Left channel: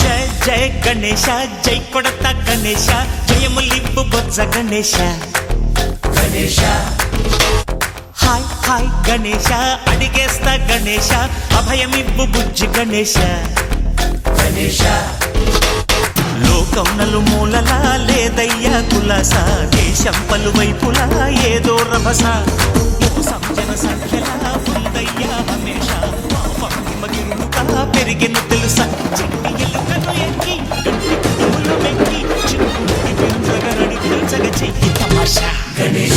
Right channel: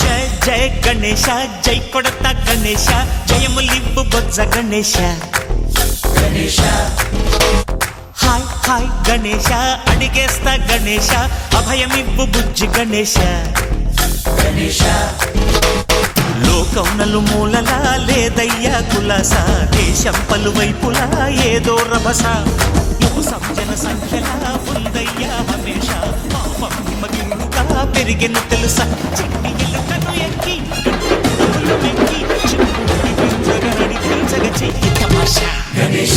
జయ గణేశ జై కొడత గణేశ జయములివ్వు బొజ్జ Ganesha hi hi Ganesha అడిగేస్తా Ganesha అభయమివ్వు బుజ్జి గణేశ లోకం నలుమూలలా లేదయ్యా కులాస దేశం పలువైపులా ఏదో రభస మోసం జన సంఖ్యలా ఉందయ్యా హమేష పాపం హిమగిరులుగా పెరిగెను తెలుసా చిట్టి ఎలుకను ఎక్కి గట్టి కుడుములు మెక్కి చిక్కుడి పెంచగనడి తెలుసగ చెయ్యి తమాషా గణేశ